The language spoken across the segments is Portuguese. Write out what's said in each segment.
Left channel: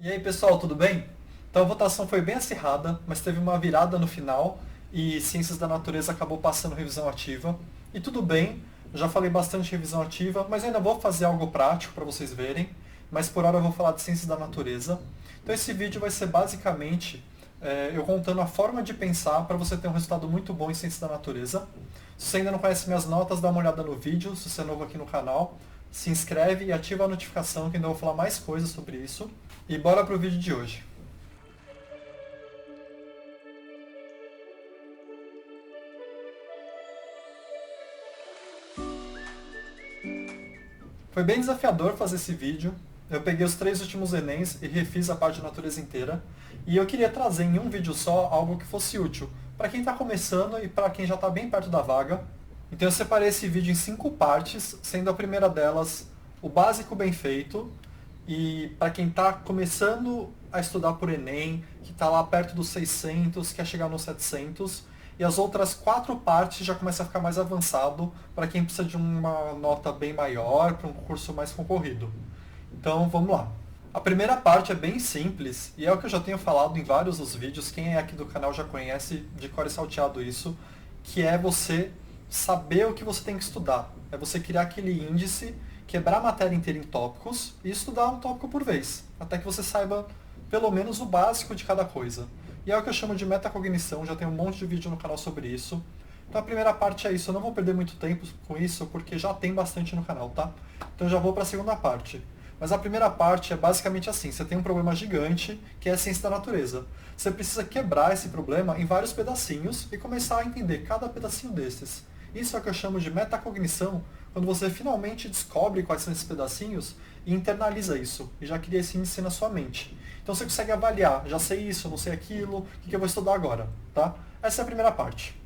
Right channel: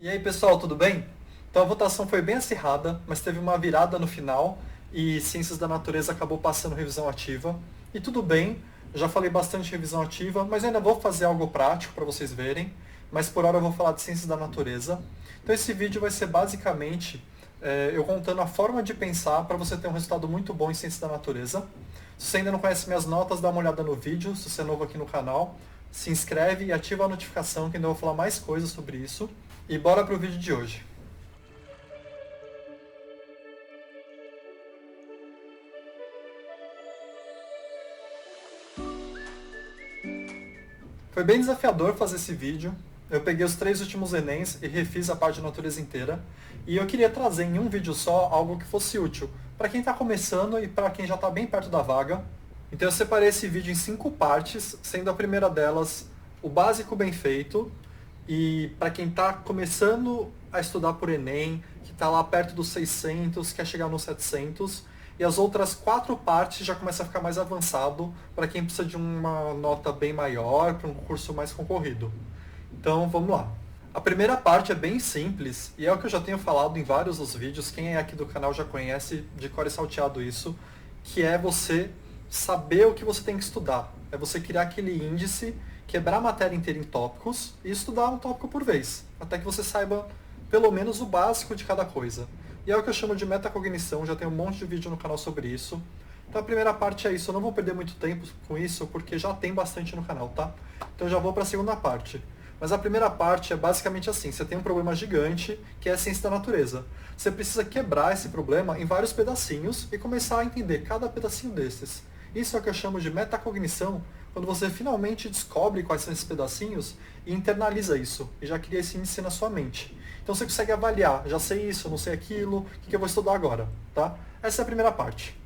E aí, pessoal, tudo bem? Então a votação foi bem acirrada, mas teve uma virada no final e Ciências da Natureza acabou passando revisão ativa. E tudo bem, eu já falei bastante de revisão ativa, mas ainda vou fazer algo prático para vocês verem. Mas por hora eu vou falar de Ciências da Natureza. Então esse vídeo vai ser basicamente eu contando a forma de pensar para você ter um resultado muito bom em Ciências da Natureza. Se você ainda não conhece minhas notas, dá uma olhada no vídeo. Se você é novo aqui no canal, se inscreve e ativa a notificação que ainda vou falar mais coisas sobre isso. E bora pro vídeo de hoje. Foi bem desafiador fazer esse vídeo. Eu peguei os 3 últimos Enems e refiz a parte de natureza inteira. E eu queria trazer em um vídeo só algo que fosse útil para quem está começando e para quem já está bem perto da vaga. Então eu separei esse vídeo em 5 partes, sendo a primeira delas o básico bem feito. E para quem está começando a estudar por Enem, que está lá perto dos 600, quer chegar nos 700, e as outras 4 partes já começa a ficar mais avançado para quem precisa de uma nota bem maior, para um curso mais concorrido. Então vamos lá. A primeira parte é bem simples e é o que eu já tenho falado em vários dos vídeos, quem é aqui do canal já conhece de cor e salteado isso, que é você saber o que você tem que estudar. É você criar aquele índice, quebrar a matéria inteira em tópicos e estudar um tópico por vez, até que você saiba pelo menos o básico de cada coisa. E é o que eu chamo de metacognição, já tem um monte de vídeo no canal sobre isso. Então a primeira parte é isso, eu não vou perder muito tempo com isso, porque já tem bastante no canal, tá? Então eu já vou para a segunda parte. Mas a primeira parte é basicamente assim, você tem um problema gigante, que é a ciência da natureza. Você precisa quebrar esse problema em vários pedacinhos e começar a entender cada pedacinho desses. Isso é o que eu chamo de metacognição, quando você finalmente descobre quais são esses pedacinhos e internaliza isso, e já cria esse índice na sua mente. Então você consegue avaliar, já sei isso, não sei aquilo, o que eu vou estudar agora, tá? Essa é a primeira parte.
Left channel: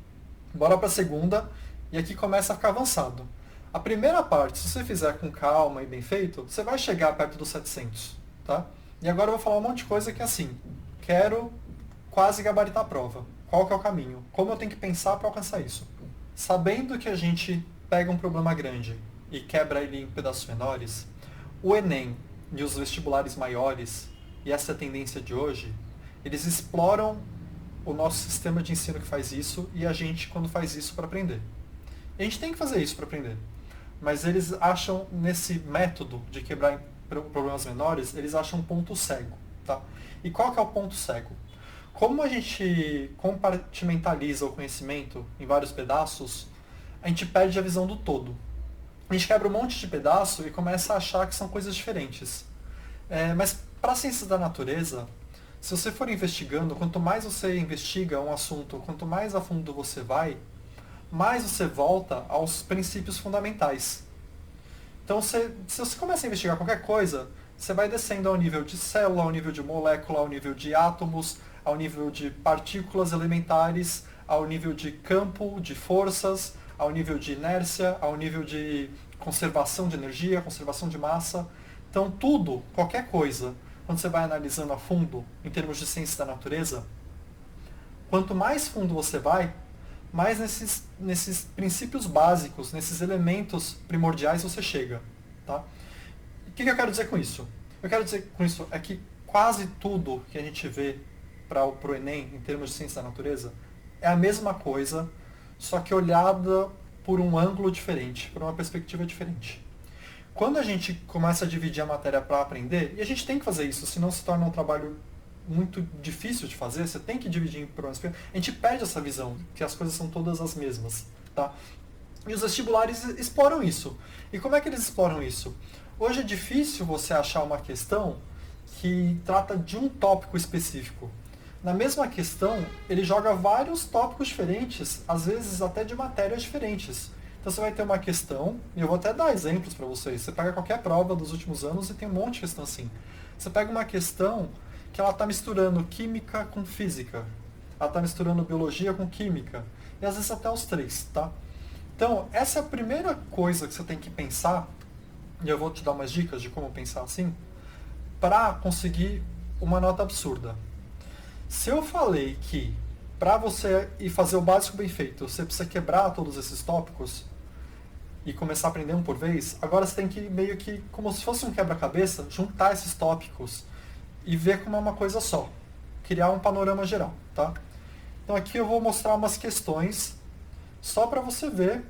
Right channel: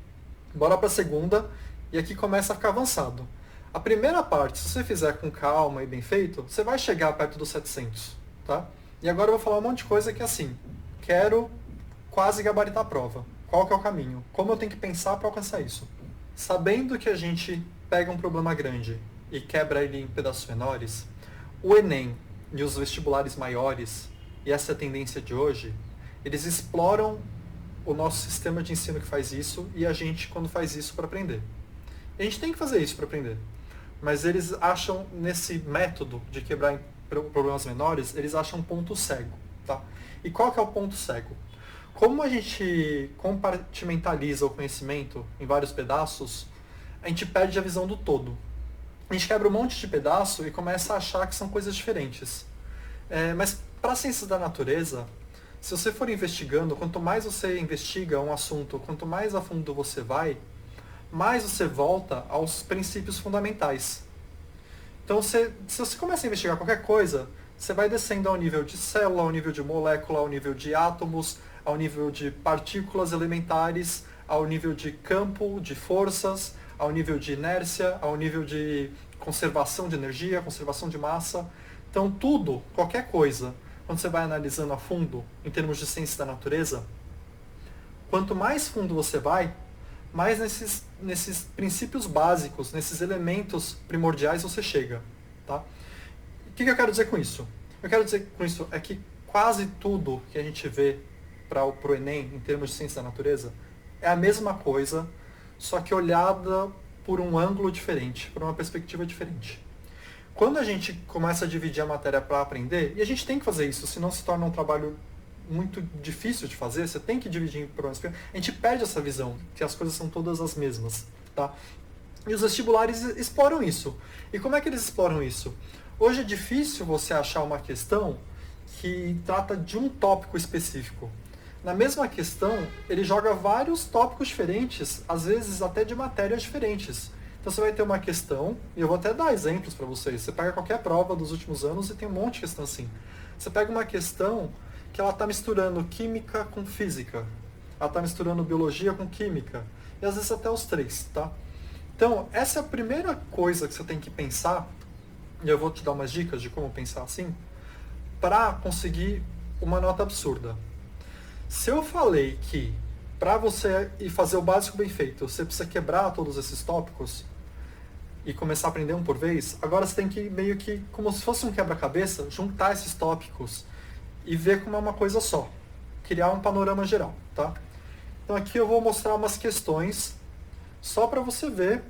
Bora para a segunda, e aqui começa a ficar avançado. A primeira parte, se você fizer com calma e bem feito, você vai chegar perto dos 700, tá? E agora eu vou falar um monte de coisa que é assim, quero quase gabaritar a prova. Qual que é o caminho? Como eu tenho que pensar para alcançar isso? Sabendo que a gente pega um problema grande e quebra ele em pedaços menores, o Enem e os vestibulares maiores, e essa é a tendência de hoje, eles exploram o nosso sistema de ensino que faz isso e a gente quando faz isso para aprender. E a gente tem que fazer isso para aprender. Mas eles acham nesse método de quebrar em problemas menores, eles acham um ponto cego, tá? E qual que é o ponto cego? Como a gente compartimentaliza o conhecimento em vários pedaços, a gente perde a visão do todo. A gente quebra um monte de pedaço e começa a achar que são coisas diferentes. Mas para a ciência da natureza, se você for investigando, quanto mais você investiga um assunto, quanto mais a fundo você vai, mais você volta aos princípios fundamentais. Então, se você começa a investigar qualquer coisa, você vai descendo ao nível de célula, ao nível de molécula, ao nível de átomos, ao nível de partículas elementares, ao nível de campo, de forças, ao nível de inércia, ao nível de conservação de energia, conservação de massa. Então, tudo, qualquer coisa, quando você vai analisando a fundo, em termos de ciência da natureza, quanto mais fundo você vai, mais nesses princípios básicos, nesses elementos primordiais você chega. Tá? O que eu quero dizer com isso? Eu quero dizer com isso é que quase tudo que a gente vê para o Enem, em termos de ciência da natureza, é a mesma coisa, só que olhada por um ângulo diferente, por uma perspectiva diferente. Quando a gente começa a dividir a matéria para aprender, e a gente tem que fazer isso, senão se torna um trabalho muito difícil de fazer, você tem que dividir em problemas. A gente perde essa visão, que as coisas são todas as mesmas. Tá? E os vestibulares exploram isso. E como é que eles exploram isso? Hoje é difícil você achar uma questão que trata de um tópico específico. Na mesma questão, ele joga vários tópicos diferentes, às vezes até de matérias diferentes. Então você vai ter uma questão, e eu vou até dar exemplos para vocês. Você pega qualquer prova dos últimos anos e tem um monte de questão assim. Você pega uma questão que ela está misturando química com física. Ela está misturando biologia com química. E às vezes até os três, tá? Então, essa é a primeira coisa que você tem que pensar, e eu vou te dar umas dicas de como pensar assim, para conseguir uma nota absurda. Se eu falei que para você ir fazer o básico bem feito, você precisa quebrar todos esses tópicos e começar a aprender um por vez, agora você tem que meio que, como se fosse um quebra-cabeça, juntar esses tópicos e ver como é uma coisa só. Criar um panorama geral, tá? Então aqui eu vou mostrar umas questões só para você ver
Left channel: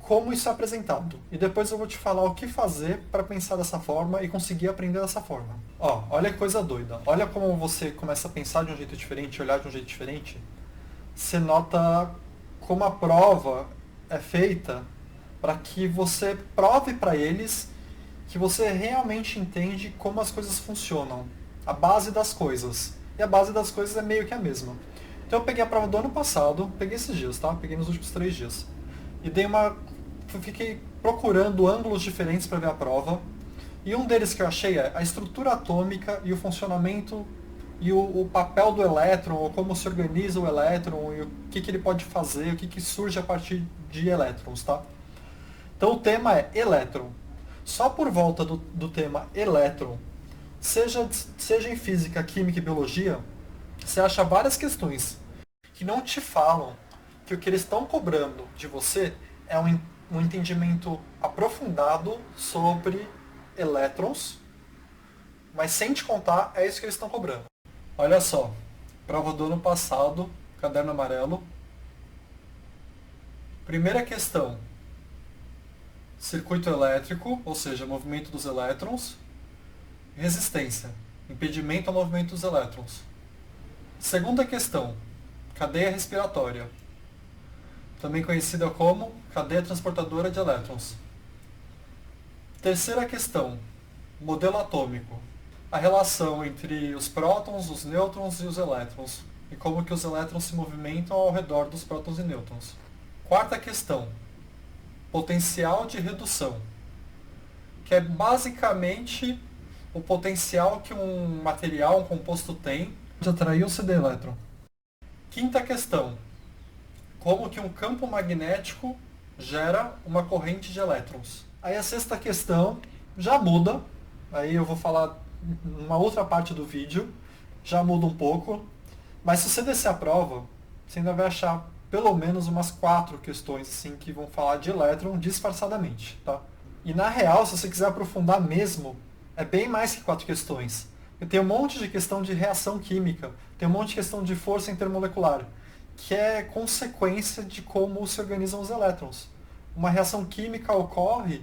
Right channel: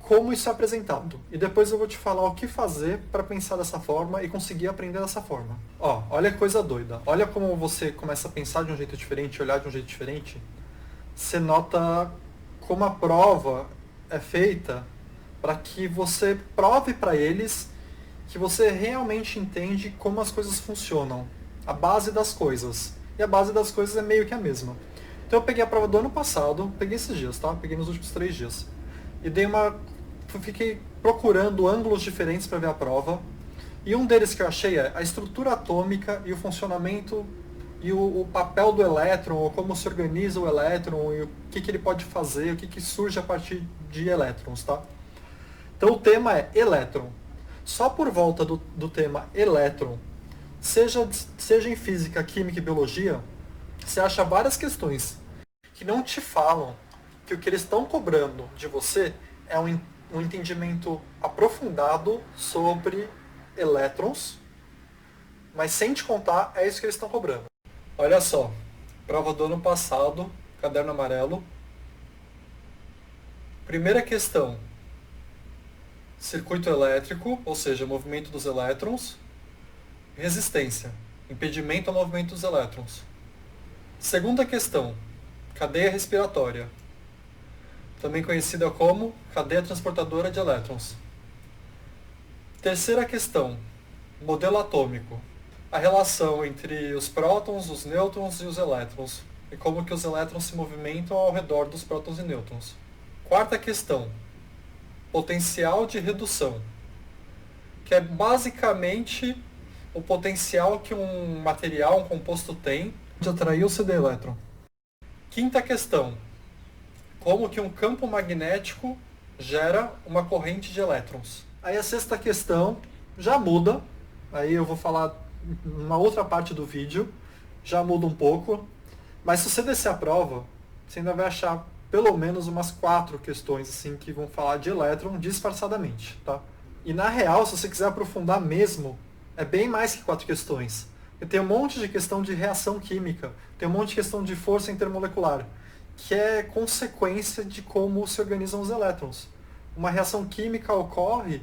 como isso é apresentado. E depois eu vou te falar o que fazer para pensar dessa forma e conseguir aprender dessa forma. Ó, olha a coisa doida. Olha como você começa a pensar de um jeito diferente, olhar de um jeito diferente. Você nota como a prova é feita para que você prove para eles que você realmente entende como as coisas funcionam. A base das coisas. E a base das coisas é meio que a mesma. Então eu peguei a prova do ano passado, peguei esses dias, tá? Peguei nos últimos 3 dias. E fiquei procurando ângulos diferentes para ver a prova. E um deles que eu achei é a estrutura atômica e o funcionamento e o papel do elétron, ou como se organiza o elétron, e o que ele pode fazer, o que surge a partir de elétrons, tá? Então o tema é elétron. Só por volta do tema elétron, seja em física, química e biologia, você acha várias questões que não te falam que o que eles estão cobrando de você é um entendimento aprofundado sobre elétrons, mas sem te contar, é isso que eles estão cobrando. Olha só, prova do ano passado, caderno amarelo. Primeira questão, circuito elétrico, ou seja, movimento dos elétrons. Resistência, impedimento ao movimento dos elétrons. Segunda questão, cadeia respiratória, também conhecida como cadeia transportadora de elétrons. Terceira questão, modelo atômico, a relação entre os prótons, os nêutrons e os elétrons, e como que os elétrons se movimentam ao redor dos prótons e nêutrons. Quarta questão, potencial de redução, que é basicamente o potencial que um material, um composto tem de atrair o CD elétron. Quinta questão, como que um campo magnético gera uma corrente de elétrons. Aí a sexta questão já muda, aí eu vou falar numa outra parte do vídeo, já muda um pouco, mas se você descer a prova, você ainda vai achar pelo menos umas 4 questões assim que vão falar de elétron disfarçadamente, tá? E na real, se você quiser aprofundar mesmo, é bem mais que 4 questões. Tem um monte de questão de reação química, tem um monte de questão de força intermolecular, que é consequência de como se organizam os elétrons. Uma reação química ocorre,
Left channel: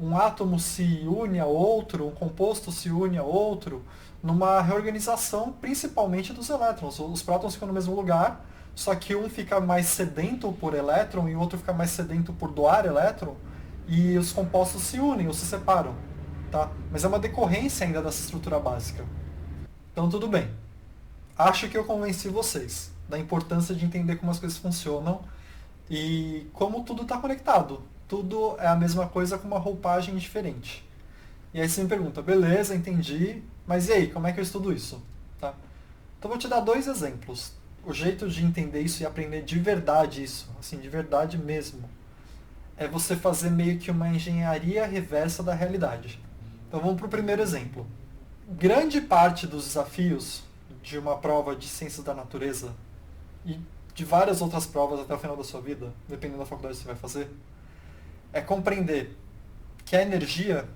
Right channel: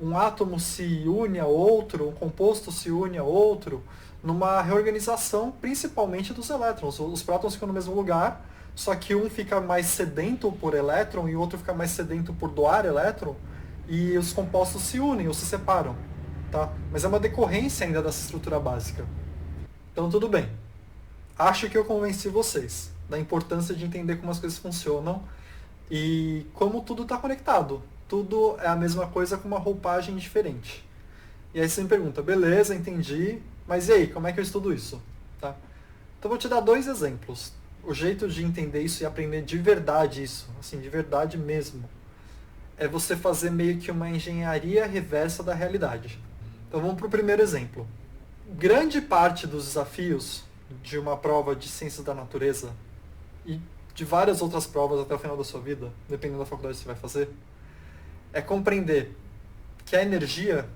um átomo se une a outro, um composto se une a outro, numa reorganização principalmente dos elétrons. Os prótons ficam no mesmo lugar, só que um fica mais sedento por elétron e o outro fica mais sedento por doar elétron, e os compostos se unem ou se separam. Tá? Mas é uma decorrência ainda dessa estrutura básica. Então tudo bem. Acho que eu convenci vocês da importância de entender como as coisas funcionam e como tudo está conectado. Tudo é a mesma coisa com uma roupagem diferente. E aí você me pergunta, beleza, entendi, mas e aí, como é que eu estudo isso? Tá? Então eu vou te dar 2 exemplos. O jeito de entender isso e aprender de verdade isso, assim, de verdade mesmo, é você fazer meio que uma engenharia reversa da realidade. Então vamos para o primeiro exemplo. Grande parte dos desafios de uma prova de ciências da natureza e de várias outras provas até o final da sua vida, dependendo da faculdade que você vai fazer, é compreender que a energia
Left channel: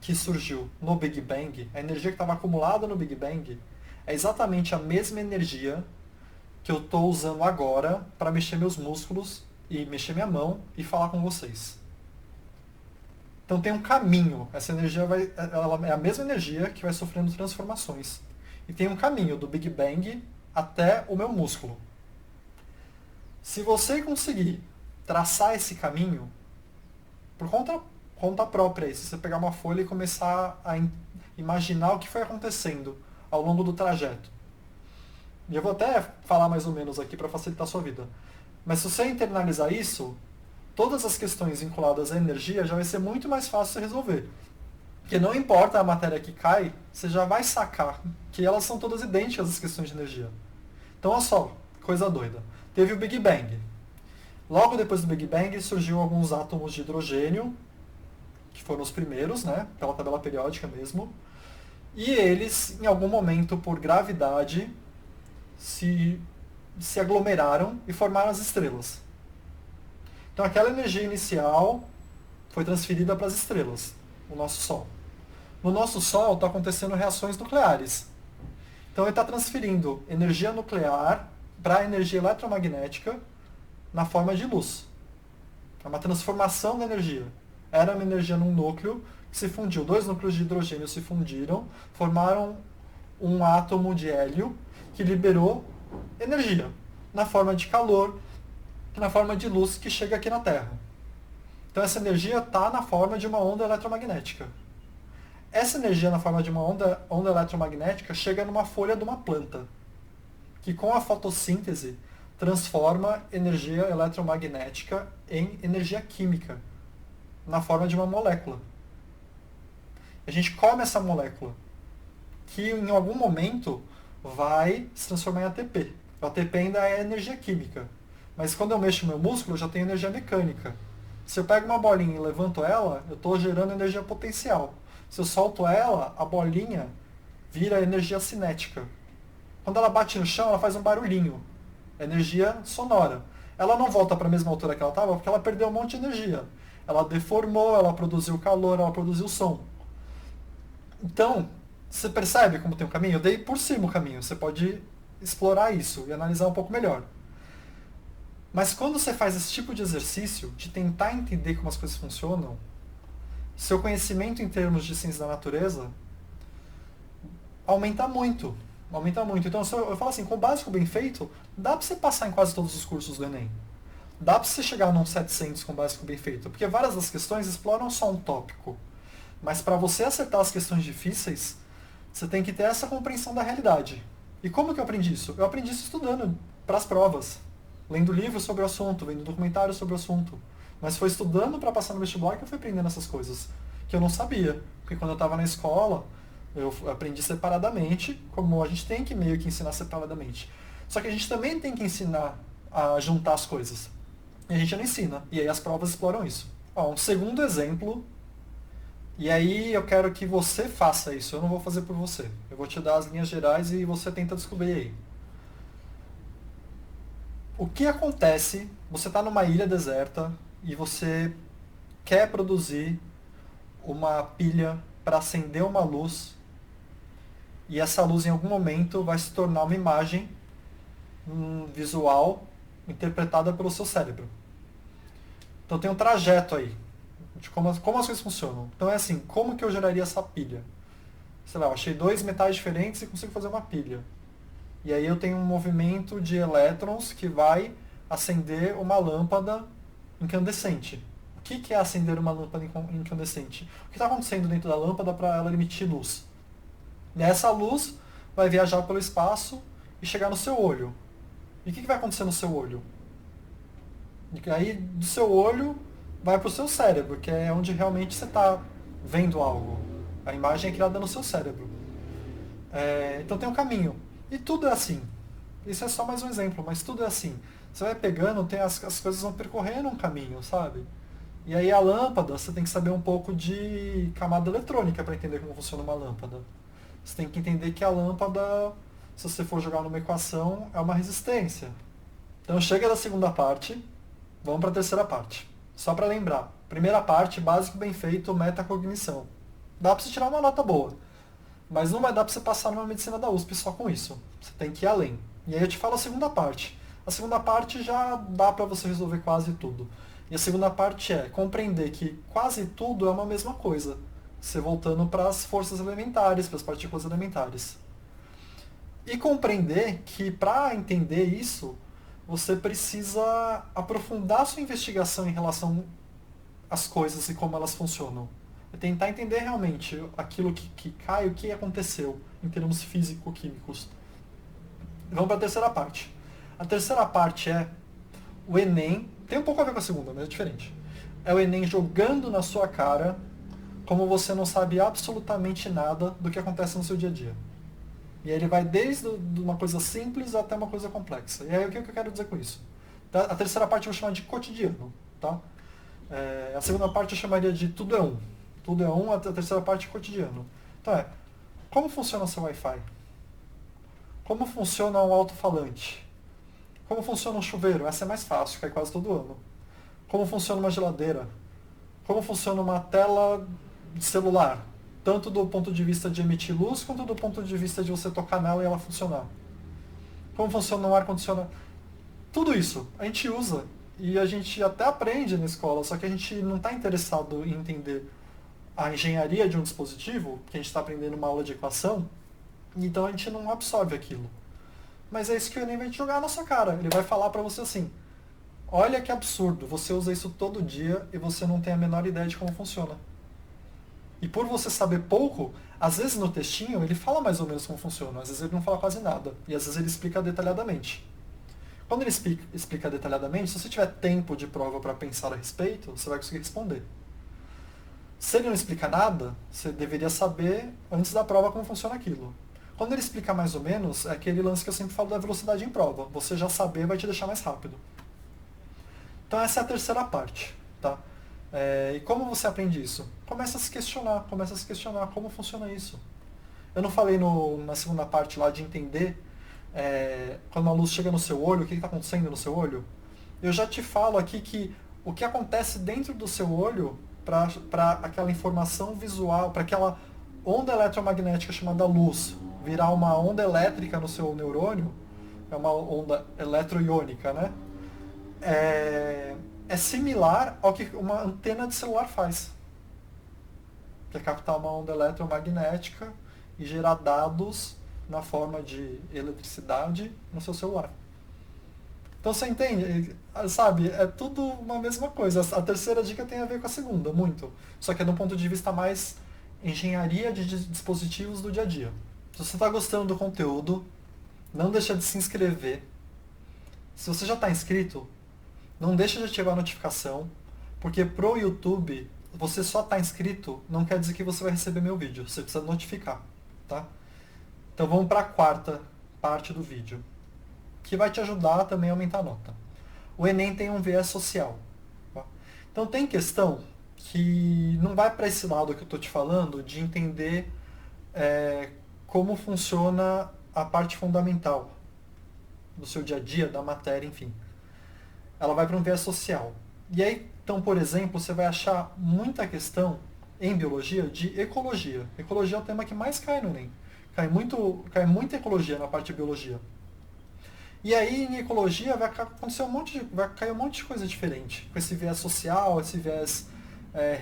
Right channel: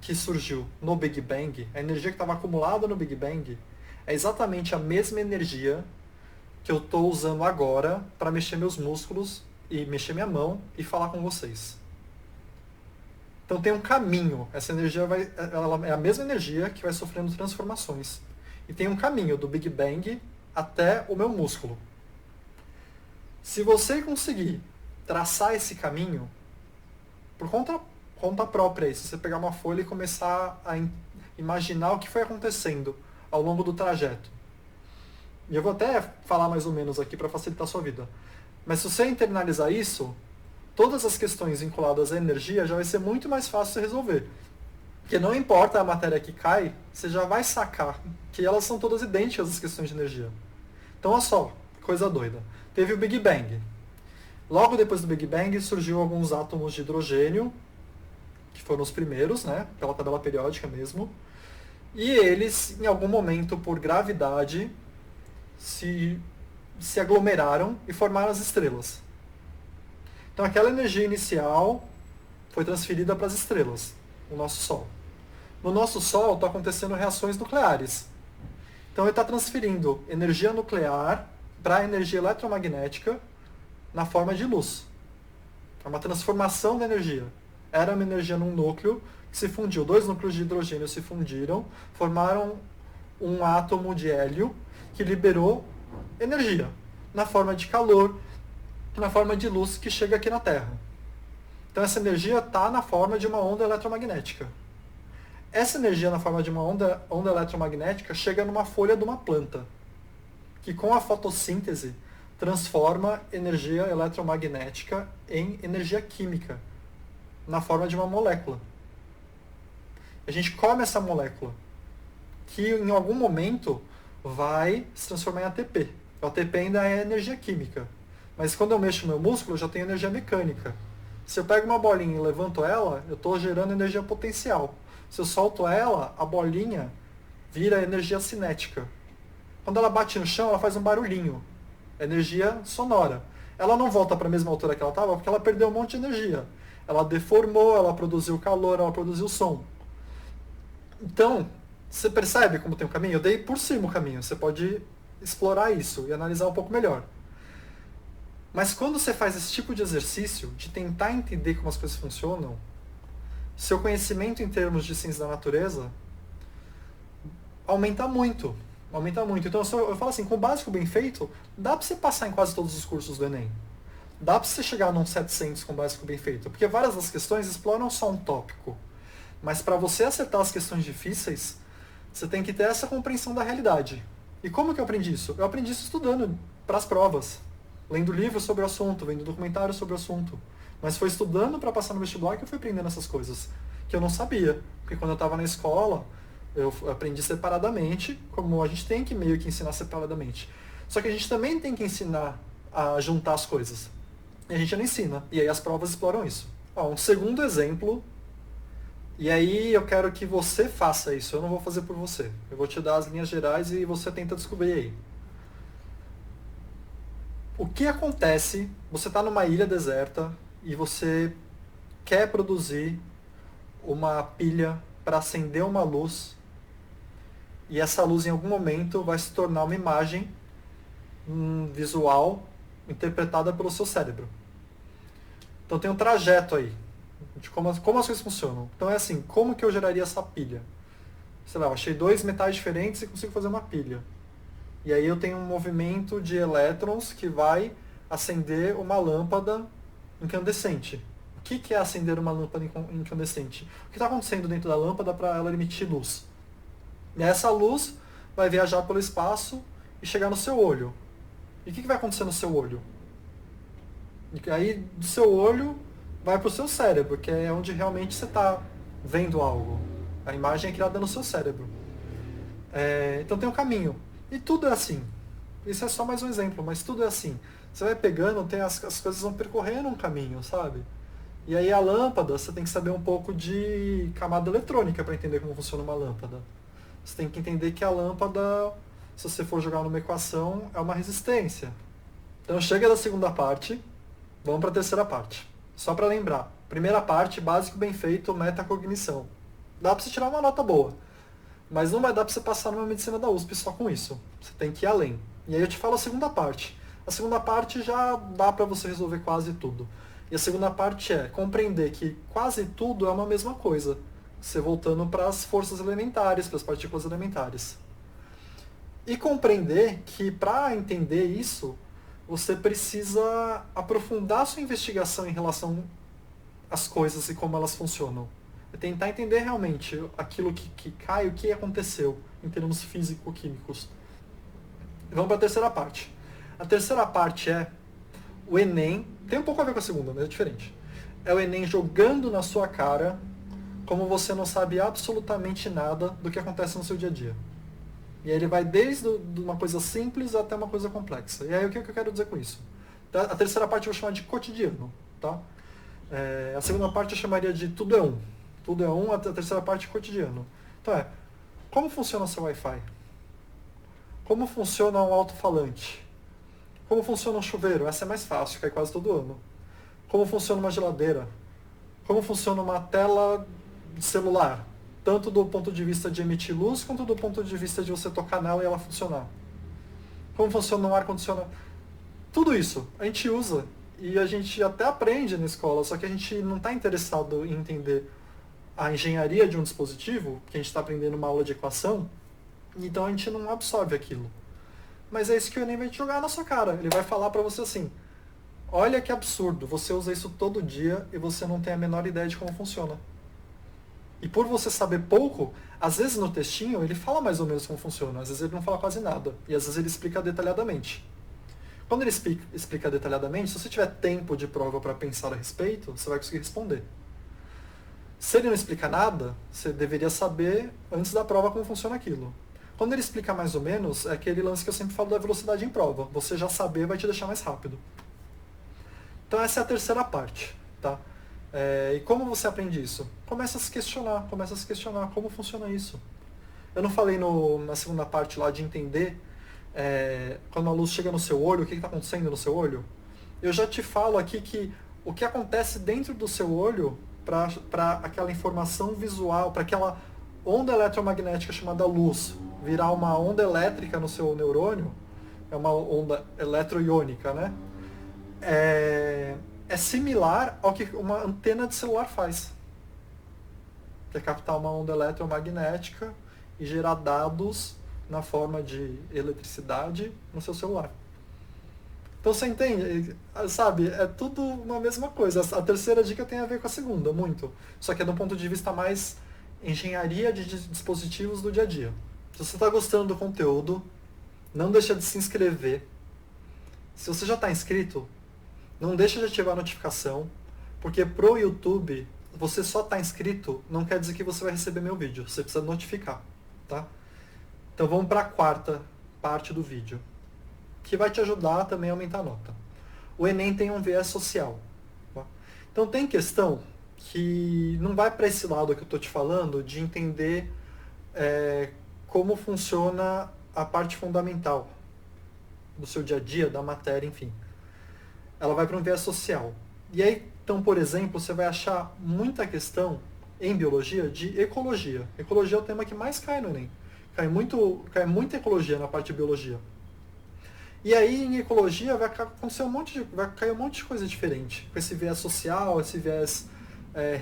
que surgiu no Big Bang, a energia que estava acumulada no Big Bang, é exatamente a mesma energia que eu estou usando agora para mexer meus músculos e mexer minha mão e falar com vocês. Então tem um caminho. Essa energia ela é a mesma energia que vai sofrendo transformações. E tem um caminho do Big Bang até o meu músculo. Se você conseguir traçar esse caminho, por conta própria, se você pegar uma folha e começar a imaginar o que foi acontecendo ao longo do trajeto. E eu vou até falar mais ou menos aqui para facilitar a sua vida. Mas se você internalizar isso, todas as questões vinculadas à energia já vai ser muito mais fácil de resolver. Porque não importa a matéria que cai, você já vai sacar que elas são todas idênticas às questões de energia. Então, olha só, coisa doida. Teve o Big Bang. Logo depois do Big Bang surgiu alguns átomos de hidrogênio, que foram os primeiros, né, pela tabela periódica mesmo. E eles, em algum momento, por gravidade, se aglomeraram e formaram as estrelas. Então aquela energia inicial foi transferida para as estrelas, o nosso Sol. No nosso Sol está acontecendo reações nucleares. Então ele está transferindo energia nuclear para energia eletromagnética na forma de luz. É uma transformação da energia. Era uma energia num núcleo que se fundiu. Dois núcleos de hidrogênio se fundiram, formaram um átomo de hélio que liberou energia na forma de calor, na forma de luz que chega aqui na Terra. Então essa energia está na forma de uma onda eletromagnética. Essa energia na forma de uma onda eletromagnética chega numa folha de uma planta, que com a fotossíntese transforma energia eletromagnética em energia química, na forma de uma molécula. A gente come essa molécula, que em algum momento vai se transformar em ATP. O ATP ainda é energia química, mas quando eu mexo meu músculo, eu já tenho energia mecânica. Se eu pego uma bolinha e levanto ela, eu estou gerando energia potencial. Se eu solto ela, a bolinha vira energia cinética. Quando ela bate no chão, ela faz um barulhinho. Energia sonora. Ela não volta para a mesma altura que ela estava porque ela perdeu um monte de energia. Ela deformou, ela produziu calor, ela produziu som. Então, você percebe como tem um caminho? Eu dei por cima o caminho. Você pode explorar isso e analisar um pouco melhor. Mas quando você faz esse tipo de exercício, de tentar entender como as coisas funcionam, seu conhecimento em termos de ciência da natureza aumenta muito. Aumenta muito. Então eu falo assim, com o básico bem feito, dá para você passar em quase todos os cursos do Enem. Dá para você chegar num 700 com o básico bem feito. Porque várias das questões exploram só um tópico. Mas para você acertar as questões difíceis, você tem que ter essa compreensão da realidade. E como que eu aprendi isso? Eu aprendi isso estudando para as provas. Lendo livros sobre o assunto, vendo documentários sobre o assunto. Mas foi estudando para passar no vestibular que eu fui aprendendo essas coisas. Que eu não sabia. Porque quando eu estava na escola, eu aprendi separadamente, como a gente tem que meio que ensinar separadamente. Só que a gente também tem que ensinar a juntar as coisas. E a gente não ensina. E aí as provas exploram isso. Ó, um segundo exemplo. E aí eu quero que você faça isso. Eu não vou fazer por você. Eu vou te dar as linhas gerais e você tenta descobrir aí. O que acontece? Você está numa ilha deserta e você quer produzir uma pilha para acender uma luz e essa luz em algum momento vai se tornar uma imagem visual interpretada pelo seu cérebro. Então tem um trajeto aí de como as coisas funcionam. Então é assim, como que eu geraria essa pilha? Sei lá, eu achei dois metais diferentes e consigo fazer uma pilha. E aí eu tenho um movimento de elétrons que vai acender uma lâmpada incandescente. O que é acender uma lâmpada incandescente? O que está acontecendo dentro da lâmpada para ela emitir luz? E essa luz vai viajar pelo espaço e chegar no seu olho. E o que vai acontecer no seu olho? E aí do seu olho vai para o seu cérebro, que é onde realmente você está vendo algo. A imagem é criada no seu cérebro. Então tem um caminho. E tudo é assim. Isso é só mais um exemplo, mas tudo é assim. Você vai pegando, as coisas vão percorrendo um caminho, sabe? E aí a lâmpada, você tem que saber um pouco de camada eletrônica para entender como funciona uma lâmpada. Você tem que entender que a lâmpada, se você for jogar numa equação, é uma resistência. Então chega da segunda parte, vamos para a terceira parte. Só para lembrar. Primeira parte, básico bem feito, metacognição. Dá para você tirar uma nota boa. Mas não vai dar para você passar numa medicina da USP só com isso. Você tem que ir além. E aí eu te falo a segunda parte. A segunda parte já dá para você resolver quase tudo. E a segunda parte é compreender que quase tudo é uma mesma coisa. Você voltando para as forças elementares, para as partículas elementares. E compreender que para entender isso, você precisa aprofundar sua investigação em relação às coisas e como elas funcionam. É tentar entender realmente aquilo que cai, o que aconteceu em termos físico-químicos. Vamos para a terceira parte. A terceira parte é o Enem, tem um pouco a ver com a segunda, mas é diferente. É o Enem jogando na sua cara como você não sabe absolutamente nada do que acontece no seu dia a dia. E aí ele vai desde uma coisa simples até uma coisa complexa. E aí o que eu quero dizer com isso? A terceira parte eu vou chamar de cotidiano. Tá? A segunda parte eu chamaria de tudo é um. Tudo é um, a terceira parte é cotidiano. Então como funciona o seu Wi-Fi? Como funciona um alto-falante? Como funciona um chuveiro? Essa é mais fácil, cai quase todo ano. Como funciona uma geladeira? Como funciona uma tela de celular? tanto do ponto de vista de emitir luz, quanto do ponto de vista de você tocar nela e ela funcionar. Como funciona um ar-condicionado. Tudo isso a gente usa e a gente até aprende na escola, só que a gente não está interessado em entender a engenharia de um dispositivo, que a gente está aprendendo uma aula de equação, então a gente não absorve aquilo. Mas é isso que o Enem vai te jogar na sua cara. Ele vai falar para você assim, olha que absurdo, você usa isso todo dia e você não tem a menor ideia de como funciona. E por você saber pouco, às vezes no textinho ele fala mais ou menos como funciona, às vezes ele não fala quase nada, e às vezes ele explica detalhadamente. Quando ele explica detalhadamente, se você tiver tempo de prova para pensar a respeito, você vai conseguir responder. Se ele não explica nada, você deveria saber antes da prova como funciona aquilo. Quando ele explica mais ou menos, é aquele lance que eu sempre falo da velocidade em prova. Você já saber vai te deixar mais rápido. Então essa é a terceira parte, tá? E como você aprende isso? Começa a se questionar como funciona isso. Eu não falei na segunda parte lá de entender quando a luz chega no seu olho, o que está acontecendo no seu olho? Eu já te falo aqui que o que acontece dentro do seu olho para aquela informação visual, para aquela onda eletromagnética chamada luz virar uma onda elétrica no seu neurônio, é uma onda eletroiônica, né? É similar ao que uma antena de celular faz, que é captar uma onda eletromagnética e gerar dados na forma de eletricidade no seu celular. Então você entende, sabe, é tudo uma mesma coisa. A terceira dica tem a ver com a segunda, muito. Só que é de um ponto de vista mais engenharia de dispositivos do dia a dia. Se você está gostando do conteúdo, não deixa de se inscrever. Se você já está inscrito, não deixa de ativar a notificação, porque pro YouTube, você só está inscrito não quer dizer que você vai receber meu vídeo. Você precisa notificar, tá? Então vamos para a quarta parte do vídeo, que vai te ajudar também a aumentar a nota. O Enem tem um viés social. Tá? Então tem questão que não vai para esse lado que eu estou te falando, de entender como funciona a parte fundamental do seu dia a dia, da matéria, enfim. Ela vai para um viés social. E aí, então, por exemplo, você vai achar muita questão em biologia de ecologia. Ecologia é o tema que mais cai no Enem. Cai muita ecologia na parte de biologia. E aí, em ecologia, vai cair um monte de coisa diferente. Com esse viés social, esse viés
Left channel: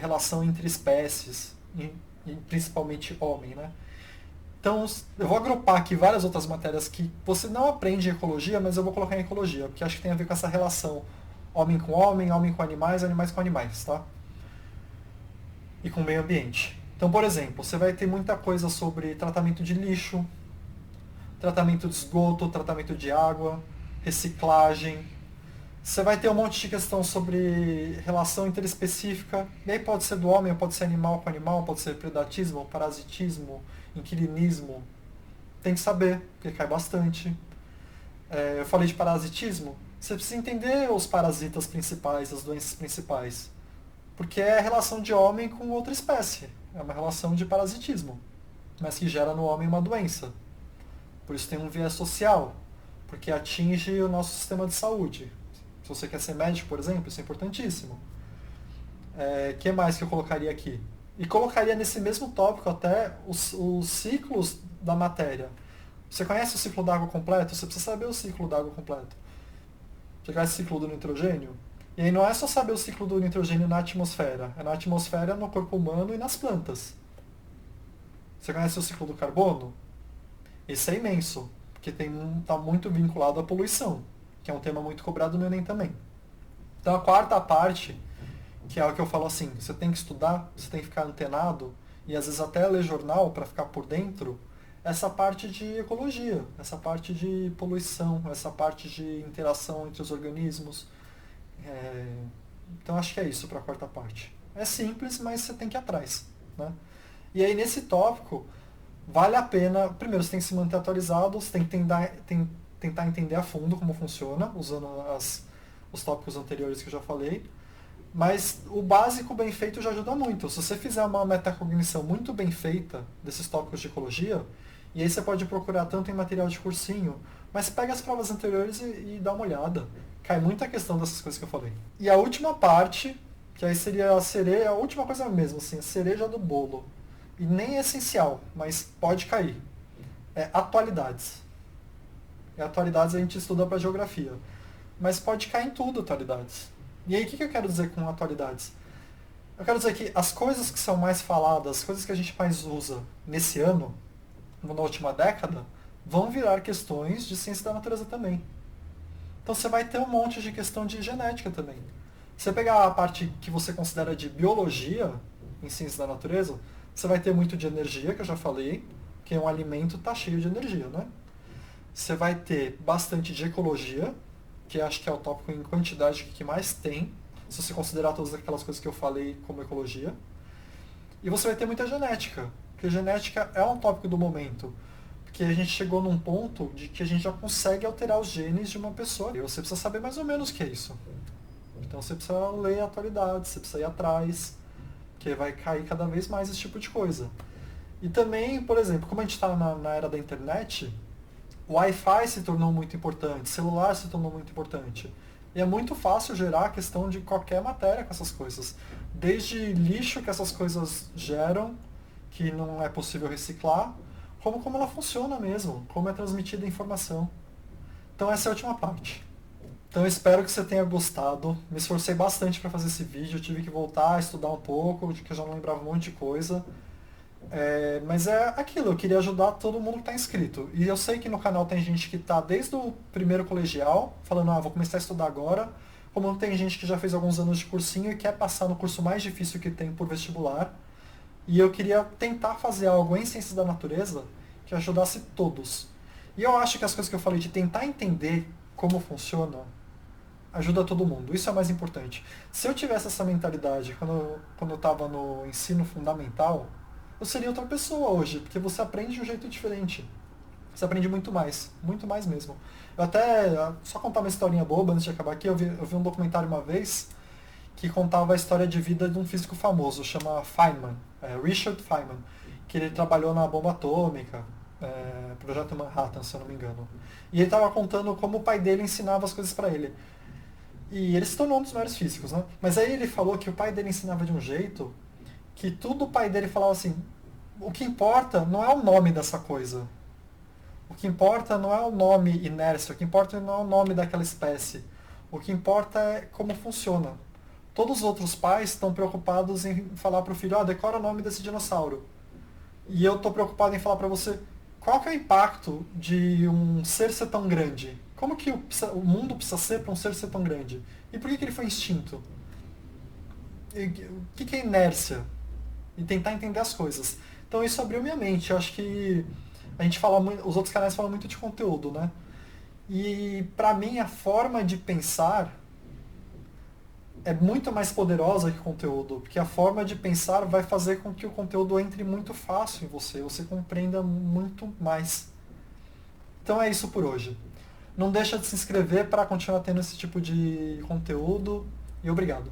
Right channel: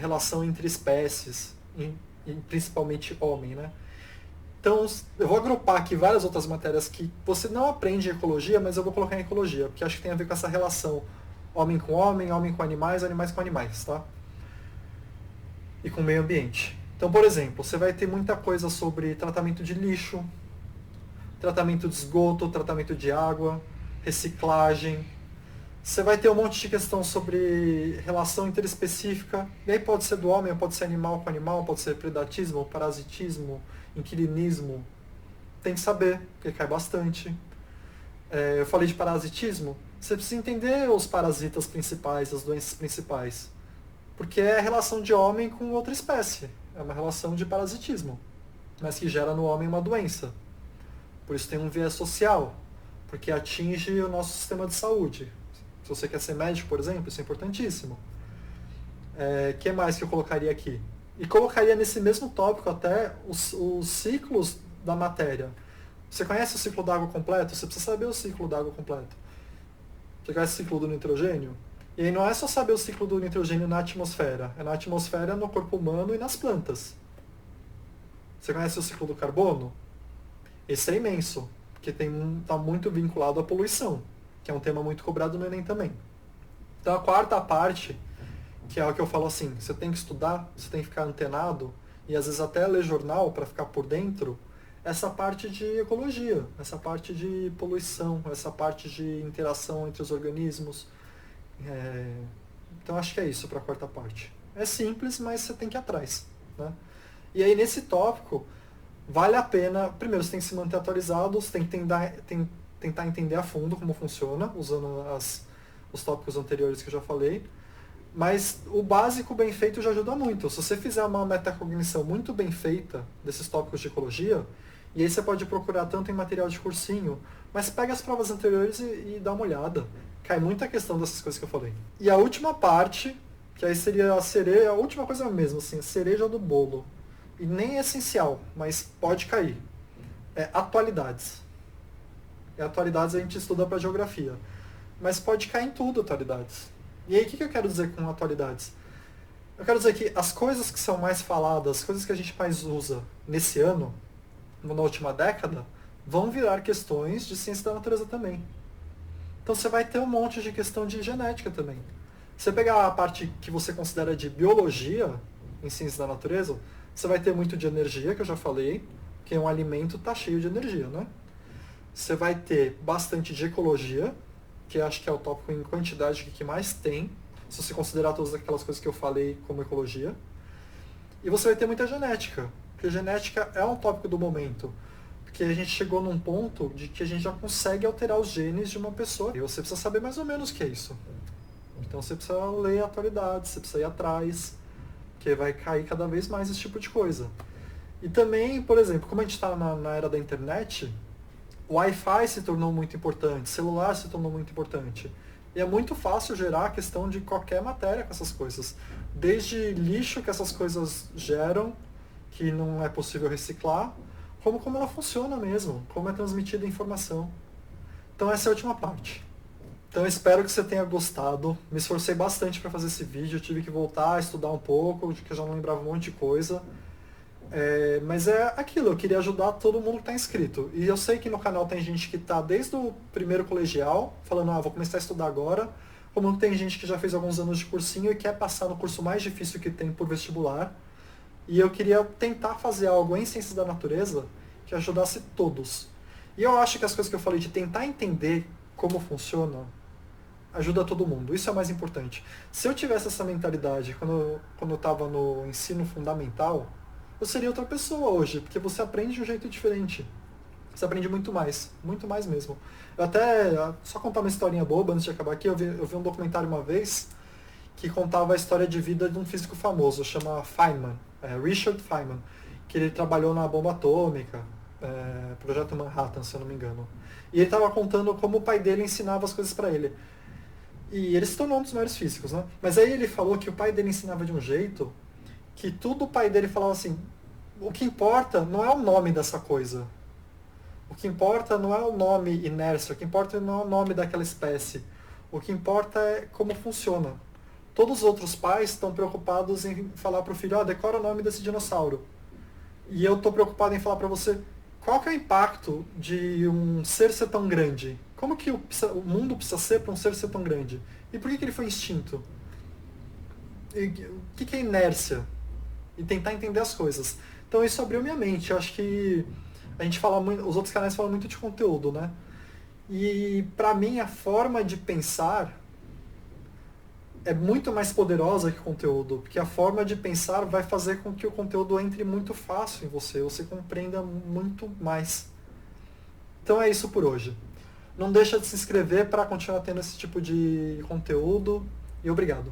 relação entre espécies, e principalmente homem, né? Então, eu vou agrupar aqui várias outras matérias que você não aprende em ecologia, mas eu vou colocar em ecologia, porque acho que tem a ver com essa relação homem com animais com animais, tá? E com o meio ambiente. Então, por exemplo, você vai ter muita coisa sobre tratamento de lixo, tratamento de esgoto, tratamento de água, reciclagem. Você vai ter um monte de questão sobre relação interespecífica, e aí pode ser do homem, pode ser animal com animal, pode ser predatismo, parasitismo, inquilinismo. Tem que saber, porque cai bastante. Eu falei de parasitismo, você precisa entender os parasitas principais, as doenças principais. Porque é a relação de homem com outra espécie. É uma relação de parasitismo, mas que gera no homem uma doença. Por isso tem um viés social, porque atinge o nosso sistema de saúde. Se você quer ser médico, por exemplo, isso é importantíssimo. Que mais que eu colocaria aqui? E colocaria nesse mesmo tópico até os ciclos da matéria. Você conhece o ciclo da água completo? Você precisa saber o ciclo da água completo. Você conhece o ciclo do nitrogênio? E aí não é só saber o ciclo do nitrogênio na atmosfera. É na atmosfera, no corpo humano e nas plantas. Você conhece o ciclo do carbono? Esse é imenso, porque está muito vinculado à poluição, que é um tema muito cobrado no Enem também. Então a quarta parte, que é o que eu falo assim, você tem que estudar, você tem que ficar antenado, e às vezes até ler jornal para ficar por dentro, essa parte de ecologia, essa parte de poluição, essa parte de interação entre os organismos. Então acho que é isso para a quarta parte. É simples, mas você tem que ir atrás, né? E aí nesse tópico, vale a pena, primeiro você tem que se manter atualizado, você tem que tentar entender a fundo como funciona, usando os tópicos anteriores que eu já falei, mas o básico bem feito já ajuda muito. Se você fizer uma metacognição muito bem feita desses tópicos de ecologia, e aí você pode procurar tanto em material de cursinho, mas pega as provas anteriores e dá uma olhada. Cai muita questão dessas coisas que eu falei. E a última parte, que aí seria a última coisa mesmo, assim, a cereja do bolo, e nem é essencial, mas pode cair. É atualidades. E atualidades a gente estuda para geografia. Mas pode cair em tudo atualidades. E aí o que eu quero dizer com atualidades? Eu quero dizer que as coisas que são mais faladas, as coisas que a gente mais usa nesse ano, na última década, vão virar questões de ciência da natureza também. Então você vai ter um monte de questão de genética também. Se você pegar a parte que você considera de biologia em ciência da natureza, você vai ter muito de energia, que eu já falei, que um alimento está cheio de energia, né? Você vai ter bastante de ecologia, que acho que é o tópico em quantidade que mais tem, se você considerar todas aquelas coisas que eu falei como ecologia. E você vai ter muita genética, porque genética é um tópico do momento. Porque a gente chegou num ponto de que a gente já consegue alterar os genes de uma pessoa. E você precisa saber mais ou menos o que é isso. Então você precisa ler a atualidade, você precisa ir atrás, porque vai cair cada vez mais esse tipo de coisa. E também, por exemplo, como a gente está na era da internet, o Wi-Fi se tornou muito importante, celular se tornou muito importante. E é muito fácil gerar a questão de qualquer matéria com essas coisas. Desde lixo que essas coisas geram, que não é possível reciclar, como ela funciona mesmo, como é transmitida a informação. Então essa é a última parte. Então eu espero que você tenha gostado. Me esforcei bastante para fazer esse vídeo, eu tive que voltar a estudar um pouco, que eu já não lembrava um monte de coisa. Mas é aquilo, eu queria ajudar todo mundo que está inscrito. E eu sei que no canal tem gente que está desde o primeiro colegial, falando, vou começar a estudar agora, como tem gente que já fez alguns anos de cursinho e quer passar no curso mais difícil que tem por vestibular. E eu queria tentar fazer algo em ciências da natureza que ajudasse todos. E eu acho que as coisas que eu falei de tentar entender como funciona, ajuda todo mundo. Isso é o mais importante. Se eu tivesse essa mentalidade quando eu estava no ensino fundamental, eu seria outra pessoa hoje, porque você aprende de um jeito diferente. Você aprende muito mais mesmo. Eu até, só contar uma historinha boba antes de acabar aqui, eu vi um documentário uma vez que contava a história de vida de um físico famoso, chama Feynman, Richard Feynman, que ele trabalhou na bomba atômica, Projeto Manhattan, se eu não me engano. E ele estava contando como o pai dele ensinava as coisas para ele. E ele se tornou um dos maiores físicos, né? Mas aí ele falou que o pai dele ensinava de um jeito que tudo o pai dele falava assim, o que importa não é o nome dessa coisa. O que importa não é o nome inércia, o que importa não é o nome daquela espécie. O que importa é como funciona. Todos os outros pais estão preocupados em falar para o filho, decora o nome desse dinossauro. E eu estou preocupado em falar para você, qual que é o impacto de um ser tão grande? Como que o mundo precisa ser para um ser tão grande? E por que ele foi extinto? E o que é inércia? E tentar entender as coisas. Então isso abriu minha mente. Eu acho que a gente fala muito, os outros canais falam muito de conteúdo, né? E para mim a forma de pensar é muito mais poderosa que o conteúdo, porque a forma de pensar vai fazer com que o conteúdo entre muito fácil em você compreenda muito mais. Então é isso por hoje. Não deixa de se inscrever para continuar tendo esse tipo de conteúdo e obrigado.